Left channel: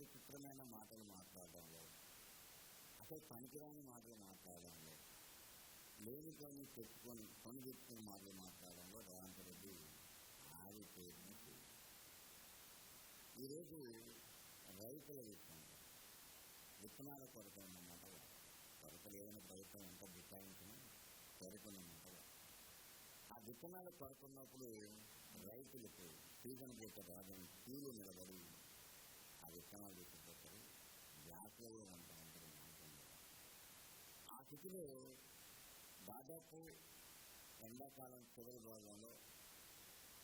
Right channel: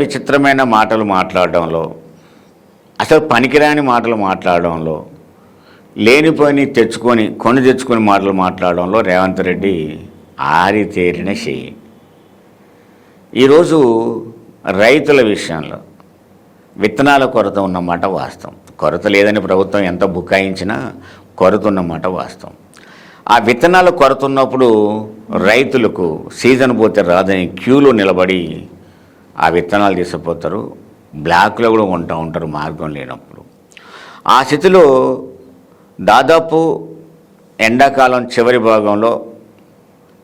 విచిత్రమైన మాటలు మాట్లాడడంలో, అసలు పనికిరాని మాటలు మాట్లాడడంలో, లేనిపోని కొని తెచ్చుకొని మాటలు మాట్లాడడంలో రేవంత్ రెడ్డి ఆరితేరిన చెయ్యి. ఈరోజు రైతుల విషయంలో విత్తనాల కొరత ఉన్నమాట వాస్తవం. కొరత లేదని ప్రభుత్వం ఎంత బుకాయించినా కొరత ఉన్నమాట వాస్తవం. ఆ విత్తనాల కొరత ఉన్నప్పుడు రైతులకు సీజన్ పోతే రాదని క్యూలో నిలబడి ఆ విత్తనాలు తీసుకుపోతారు. బ్లాక్లో కూడా కొంటూ ఉంటారు మార్గం లేనప్పుడు. ఆ స్థితిలో దాదాపు ఎండాకాలం చివరి భాగంలో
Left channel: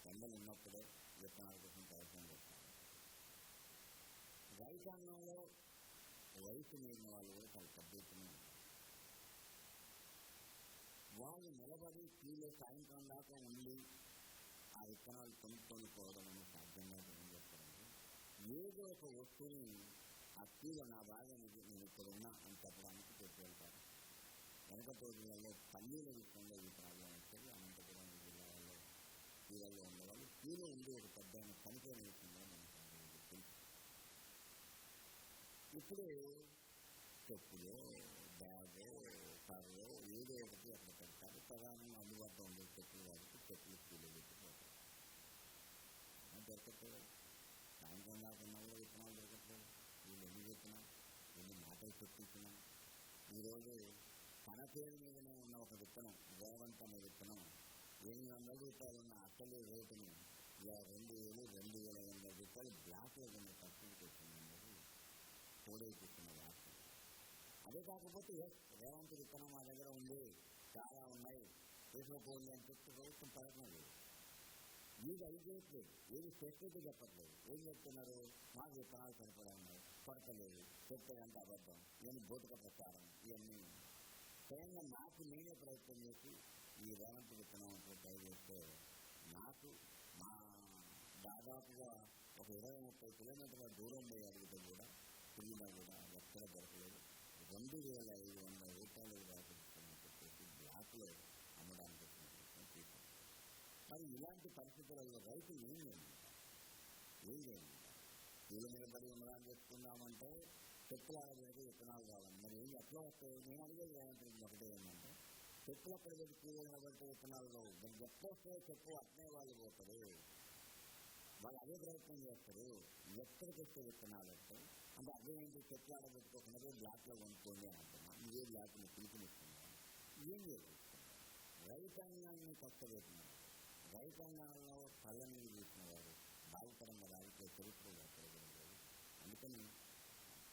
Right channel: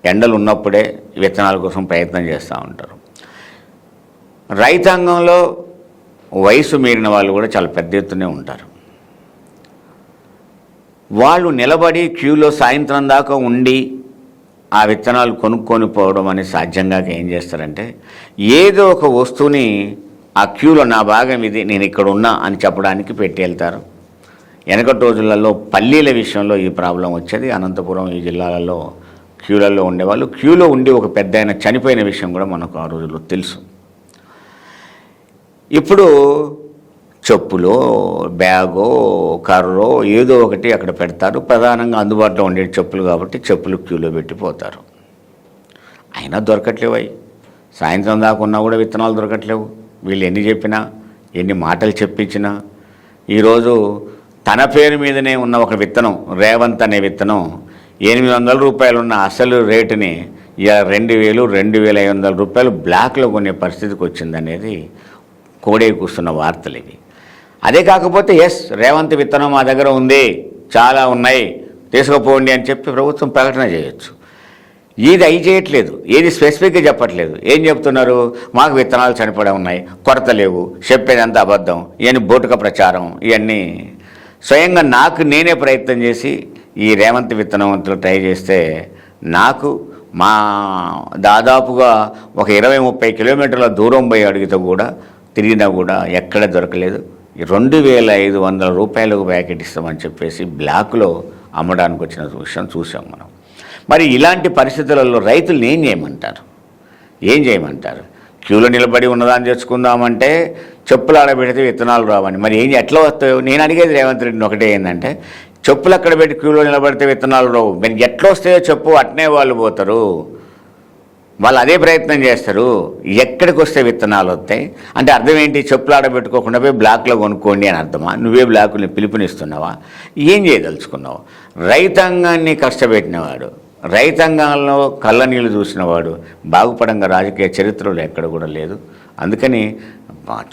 ఎండలు ఉన్నప్పుడే విత్తనాల కోసం ప్రయత్నం చేస్తూ ఉంటారు. రైతాంగంలో వయసు మీరిన వాళ్ళు కూడా చాలా పెద్ద ఎత్తునే ఉంటారు. వాళ్ళు నిలబడి క్యూలో సాయంత్రం దాకా ఉండి ఆ విత్తనాలు కొనుక్కొని పోవడం అనేది సాధ్యంగా ఏం చేస్తారంటే, ఏదో ఒక వస్తువుని ఆ క్యూలో నా భాగం ఇది, నేను ఇక్కడ ఉన్నా అని చెప్పడానికి పెట్టి వెళ్తారు. వెనకటి రోజులలో పల్లీల విషయంలో ఈ ప్రాబ్లం వచ్చేది. అనంతపురం ఈ జిల్లాలలో క్యూలలో ఉండేవాళ్ళు. క్యూలో ఉండి ఒక పెద్ద ఆయన చనిపోయిన విషయం కూడా మనకు ఆ రోజుల్లో తెలుసు. ఇప్పుడు చెప్పులో బ్యాగో కర్రో ఏదో ఒకటి అక్కడ పెడతారు. ప్రధానంగా అందుబాటులో ఉండే చెప్పులు కాబట్టి చెప్పులు క్యూలో పెట్టిపోతారు. అయినా దొరకట్లేవు. అవి సాయంత్రం దాకా ఉన్నా కూడా విత్తనాలు దొరకట్లేవు. వీళ్ళు ఎన్ని చెప్పినా, ఎన్ని మాటలు చెప్పించినా. ఈరోజు తన పేరు మీదనే ఉన్న ఒక విత్తనం, రేవంత్ అనే విత్తనం 800 రూపాయలు ఉన్న అసలు రేటుని 2000, 2500 రూపాయలు బ్లాక్లో కొనే పరిస్థితికి వచ్చిందనేది కోడే కూస్తున్న వార్తలు ఇవి. అదే కాకపోతే రేవంత్ విత్తనం మా దగ్గర ఉంది, చాలా ఉన్నాయి, తీసుకుపోండి అని చెప్పి ప్రభుత్వం ప్రకటన చేయొచ్చు. ఇది అయి చేయట్లేదు, ఏది స్పెసిఫిక్గా చెప్పట్లేదు. ఏం చెప్తున్నారు? మాకు విత్తనాలు చనిపోయి ఉన్నాయి, కొరత లేవు, చెప్పేదంతా అబద్ధం, ఇవన్నీ బోటుక ప్రచారం. ఇవన్నీ స్వయంగా నేనే ప్రయత్నం చేసి ఈ రేవంత్ విత్తనవంతులు ట్రై చేస్తే మా దాదాపుగా ఒక 20-30 కిలోమీటర్ల దూరం పోయి అడిగితే కూడా తిరిగినా కూడా ఎక్కడ దొరకలేదు. 2500 రూపాయలకు ప్యాకెట్ ఇస్తామని చెప్పేసి బ్లాక్లో అమ్మడానికి వచ్చిన విషయం చూసాం మనం. మరి ఇలాంటి పరిస్థితులలో రైతులను ఏం చేయమంటారు? క్యూలో నిలబడి ఉన్నదాన్ని తెచ్చుకుందామంటే చెప్పులు ఆడబెడితే విత్తనాలు రావని. మరి ఎట్లా వస్తాయో నేను అడిగేది రేవంత్ రెడ్డిని ఒకటే ఏంటంటే, చెప్పులు అక్కడ పెట్టి క్యూలో నిలబడితే విత్తనాలు రావు. మరి ఎట్లా వస్తాయో చెప్పు, అట్నే వాళ్ళు పోతారు, వాళ్ళు అదే ప్రయత్నం చేస్తారు. ఎక్కడికి వస్తే విత్తనాలు వస్తాయి అంటే అర్థం ఏంటి? చెప్పులు ఆడబెట్టుకోకుండా పోయి బ్లాక్లో కొనుక్కోండి అని అర్థమా? నువ్వే బ్లాకుని పిలుపునిస్తున్నావా? ఏం చేయదలుచుకున్నావు? రైతాంగాన్ని కష్టపెట్టినవాడు, రైతాంగంలో కళ్ళ నీళ్ళు చూసినవాడు బాగుపడంగా రాజకీయ చరిత్రలో ఎక్కడ కూడా లేదు. అందుకని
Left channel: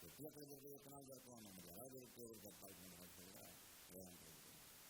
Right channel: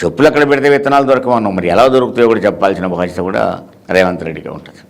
చెప్పులు అక్కడ పెడితే విత్తనాలు దొరకమన్నావు. మరి ఎలా దొరుకుతాయో కూడా చెప్పాల్సిన బాధ్యత కూడా రేవంత్ రెడ్డికి ఉంటుంది.